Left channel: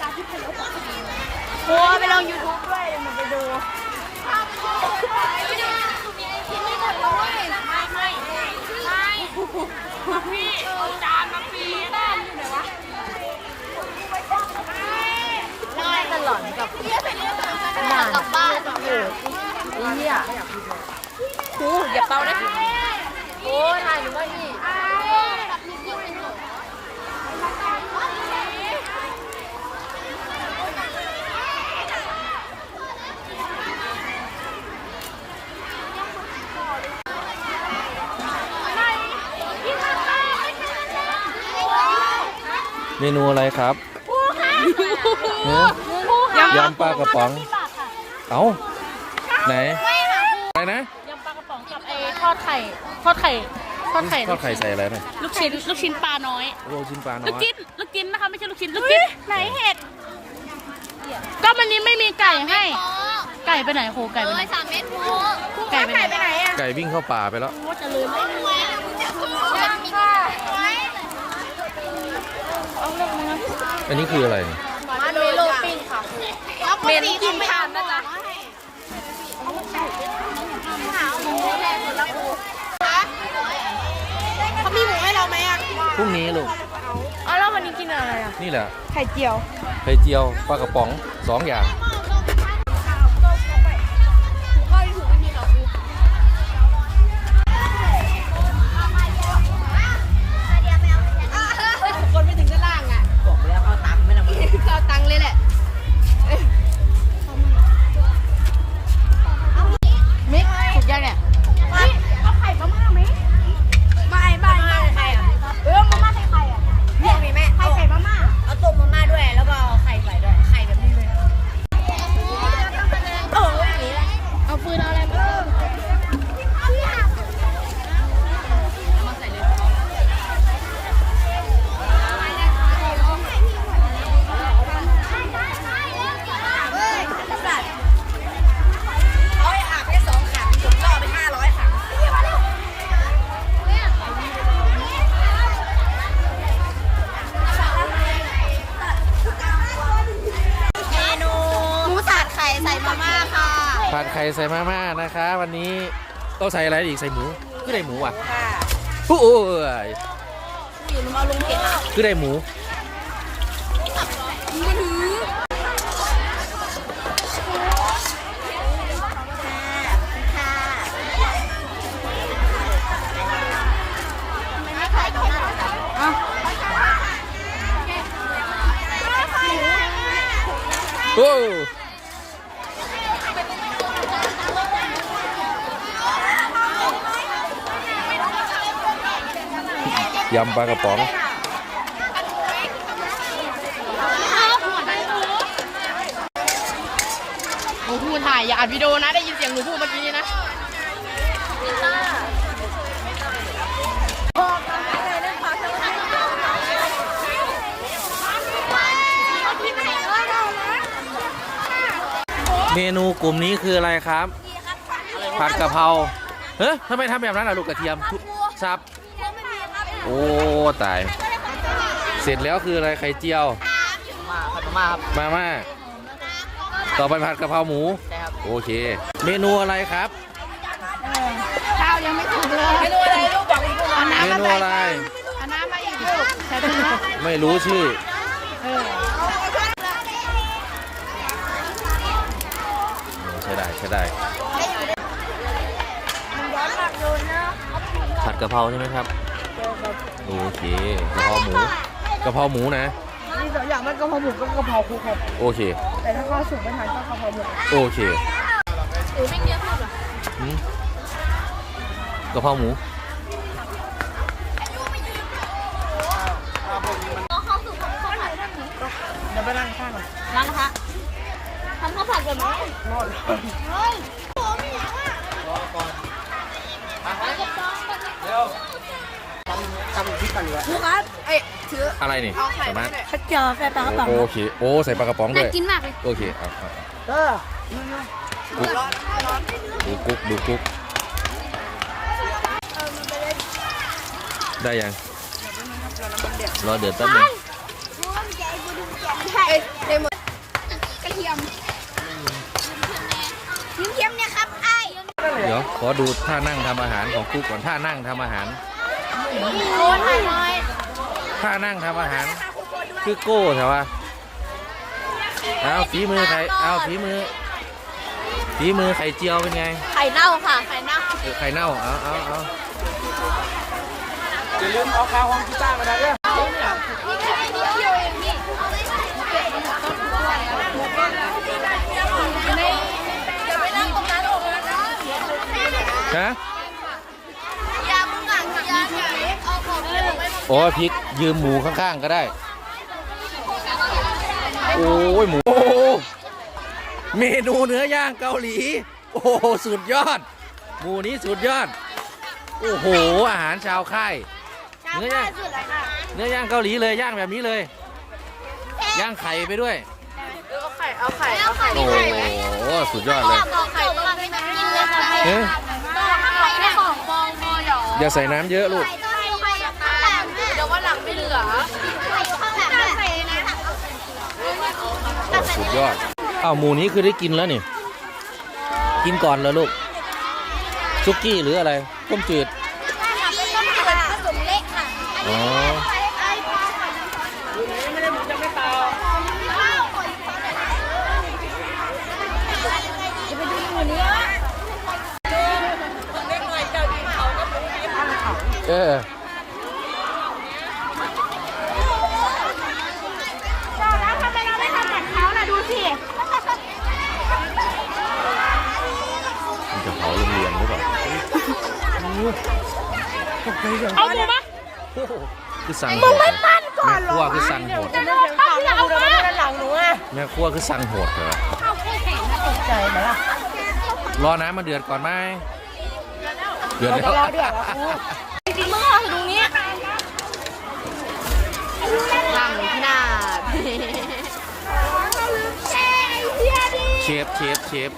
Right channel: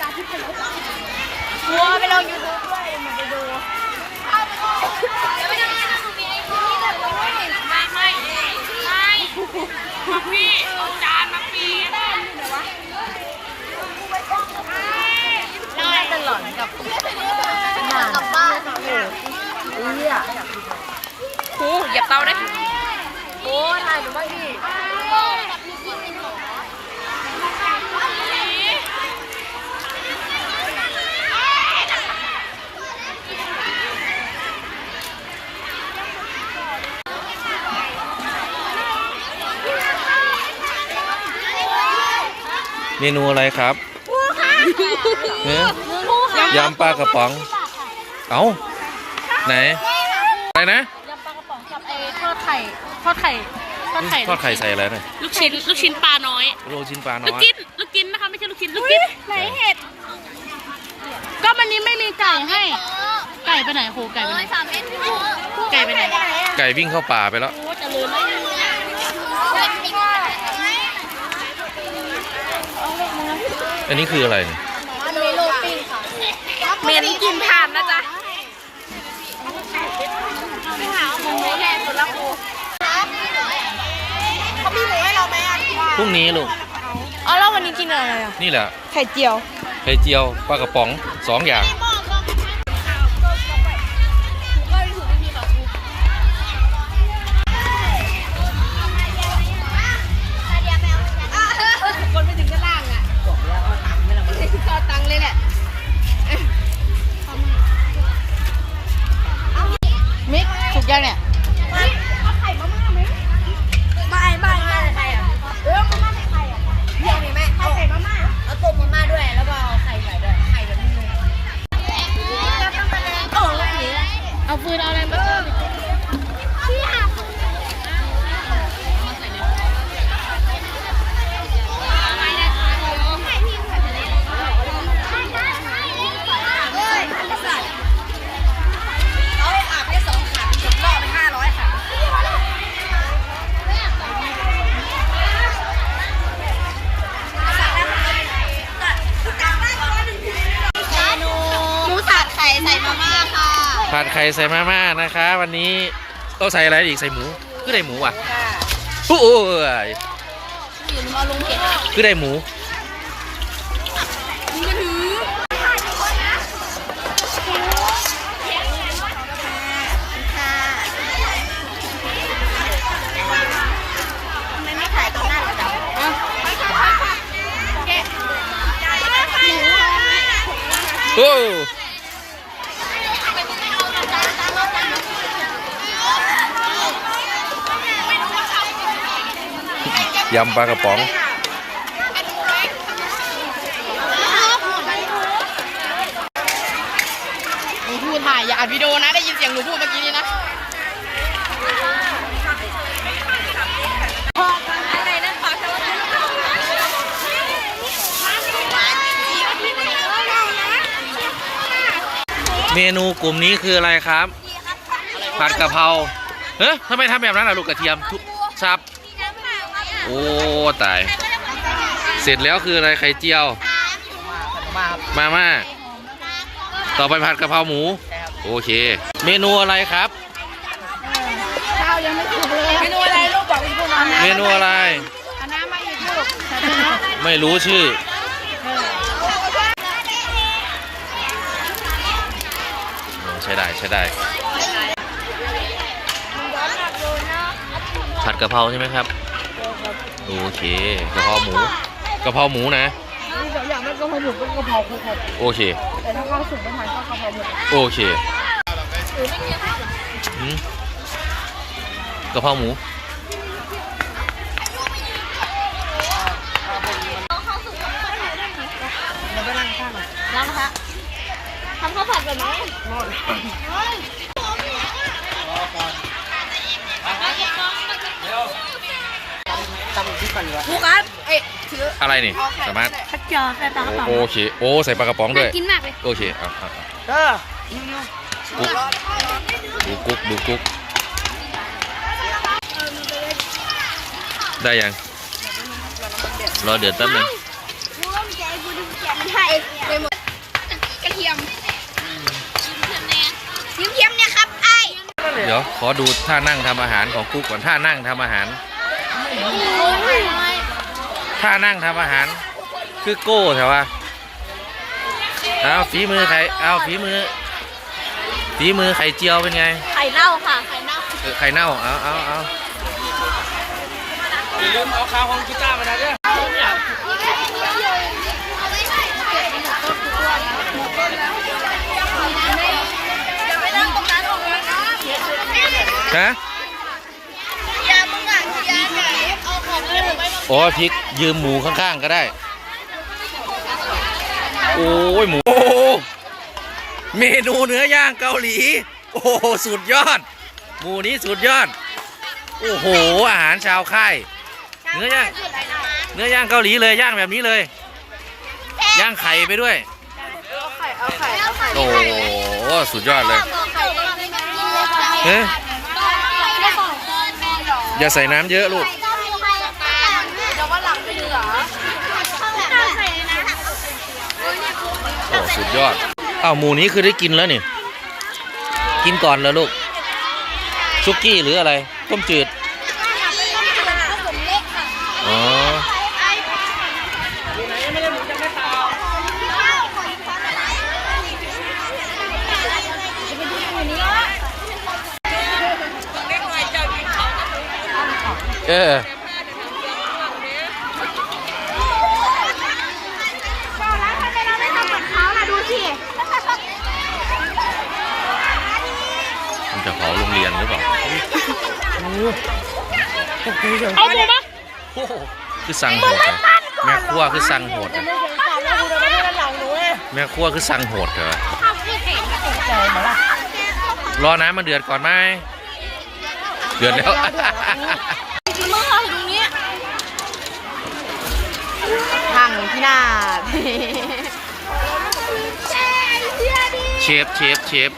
ตาที่พลบอะครูไปลงยูทูบด้วยมันไปดูไม่ได้ไม่ได้มีไอ้ที่นี่หมดเลยไม่ไม่ไม่มาพี่เอาจานมาพี่บ้านอยู่ไหนวะน่าจะหลอนกับด่านบ้านโหดเหี้ยครูเหยียบเตาได้ โอ้ยนายหนูว่าอีก เมนูอะไรครับเนี่ยยำปลากระป๋อง เอ้าไหนอะไรนะยำปลากระป๋องกับไอ้ทอดไข่ทอดไข่ทอดไข่ทอดไข่ใส่อะไรหน่อยลูกชิ้นลูกชิ้นปลาน้อยโรยชิ้นปลาลูกน้อยกินลูกกินนะคะไม่ใช่ลูกชิ้นลูกกินไหนเห็ดก็วันนี้ไม่มีไก่ให้ ไก่ไปไหนโคไก่ไปไหนสามเอ็ดพี่โไก่ไปไหนไก่วิ่งเข้าป่าไปแล้วโอ้จะลืม อันนี้คืออะไรเนี่ยมาโดโลปิ้งค่ะเมนกินทานนะจ๊ะมีหมูให้เราไหมพรุ่งนี้ลูกเอาแล้ววันนี้กินอะไรนี่แหละไข่เจียวไข่เจียวปลากระป๋องสองอย่าง ผัดไข่ใส่มาม่านะคะ วันนี้ต้องใส่อะไรอีกใส่หมูคือได้หมูอะค่ะโอ้ยอยู่มาลุงเผ็ดคือได้หมูไม่ไข่ตรงนั้นเลยจ้ะโอ้ ยำปลากระป๋องหนูพูดถ่ายอย่าอัดวิดีโอนะ ได้ยินเสียงหนูพูดเมื่อกี้นี่นะเมนูกลุ่มนี้คืออะไรครับ ผัดกะเพราเฮ้ยทำไมทำแบบนั้นล่ะลูกกระเทียมทุบซับ โอ้ตาย เสร็จแล้วคืออะไรไข่เจียวมาม่าต่อไปผัดกะเพราหมู โอเค เมนูอะไรครับ ข้าวยังไม่ถูกเลยเมนูอะไรลูกบอกอีกพวกมันเมนูอะไร เอาน้ำมาอีกลูกใส่น้ำไม่รู้ชื่อใช้ได้ใช้ได้ ผัดกะเพราใช่ไหมครับ โอเคกะเพราหมูกะเพราหมูนะมีสองอย่างมันกะเพราหมูก็กะเพราคุกครับโอเค แต่ถ้าเขาสุกไม่ทันก็กะเพราหมูโอเคหืมกะเพราหมูเดี๋ยวไปนั่งข้างหน่อยล้างนะคะทำข้าวผัดแบบนี้รอดค รูครับเอ้ยถืออะไรนี่ เอาไข่สามารถข้าวเจียวใส่ปลากระป๋องโอเค โอ้ใส่ปลากระป๋องด้วย กินมากเลยโอเคเอาเอาเอาเด้อกุ๊กดูกุ๊กดูกุ๊กได้ยัง รอเดือดแป๊บหนึงใช่ไปหมดกระเทียมยิ้มเทียมเนี่ยครับไอ้เดี๋ยวขอดูท่านั่งทำอาหารของกุ๊กก่อนท่านั่งทำอาหาร โอ้ยเลยท่านั่งทำอาหาร คือโก้ใช่ปะเอาฝีมือใครเอาฝีมือฝีมือไข่เจียวเป็นไง ไข่เน่าค่ะ ไข่เน่าเออไข่เน่า เอาเอาเอาอย่าลืมเอาคาของกีตาร์มาด้วยอย่าไปเล่นตรงนั้นออกมานะฮะ อย่ามึงอะอย่าอย่าเอาของเล่นไป โอ้ยพริกยืมหมูข้างๆก็ได้ โอ้ยหมูโอ้โหเมนูเนื้อย่างเกาหลี โอ้โหสุดยอด หมูนี้สุดยอด โอ้โห อาหารชาวค่าย เนื้อย่าง เนื้อย่างเกาหลีเลยย่างแบบนี้เลย ย่างไข่ไปด้วย เอาไข่ เอาไข่ เอาไข่โอ้โหสุดยอดเลยบอกไข่ต้องได้ไหมเอ๊ะแค่ของฟองพอหรออย่าใส่น้ำเยอะลูก เดี๋ยววันหลังไม่ เหลือโอ้สุดยอดอ้าวหมูนี้คือได้กินแล้วนี่ กินก่อนแล้วลูก ซุกี้หรืออะไร ต้มจืด อ๋อเออ ทำไมเราไม่ทำเหมือนเขาล่ะดูสิ มัน จะเผาโรงเรียนหรือเปล่าเอาดูนะโอ้โหคือสั่งโหดเหรอแม่ครัวคือสั่งโหดเหรอถามแล้วกูจะไม่ได้หลังหนูอะแม่ครัวคือสั่งโหดเหรอใจมาล่ะรอน้ำมันเดือดก่อนไหมเดือดแล้วจริงๆมึงห้องตรงนี้นั่งที่หน้าเชฟเชฟเชฟ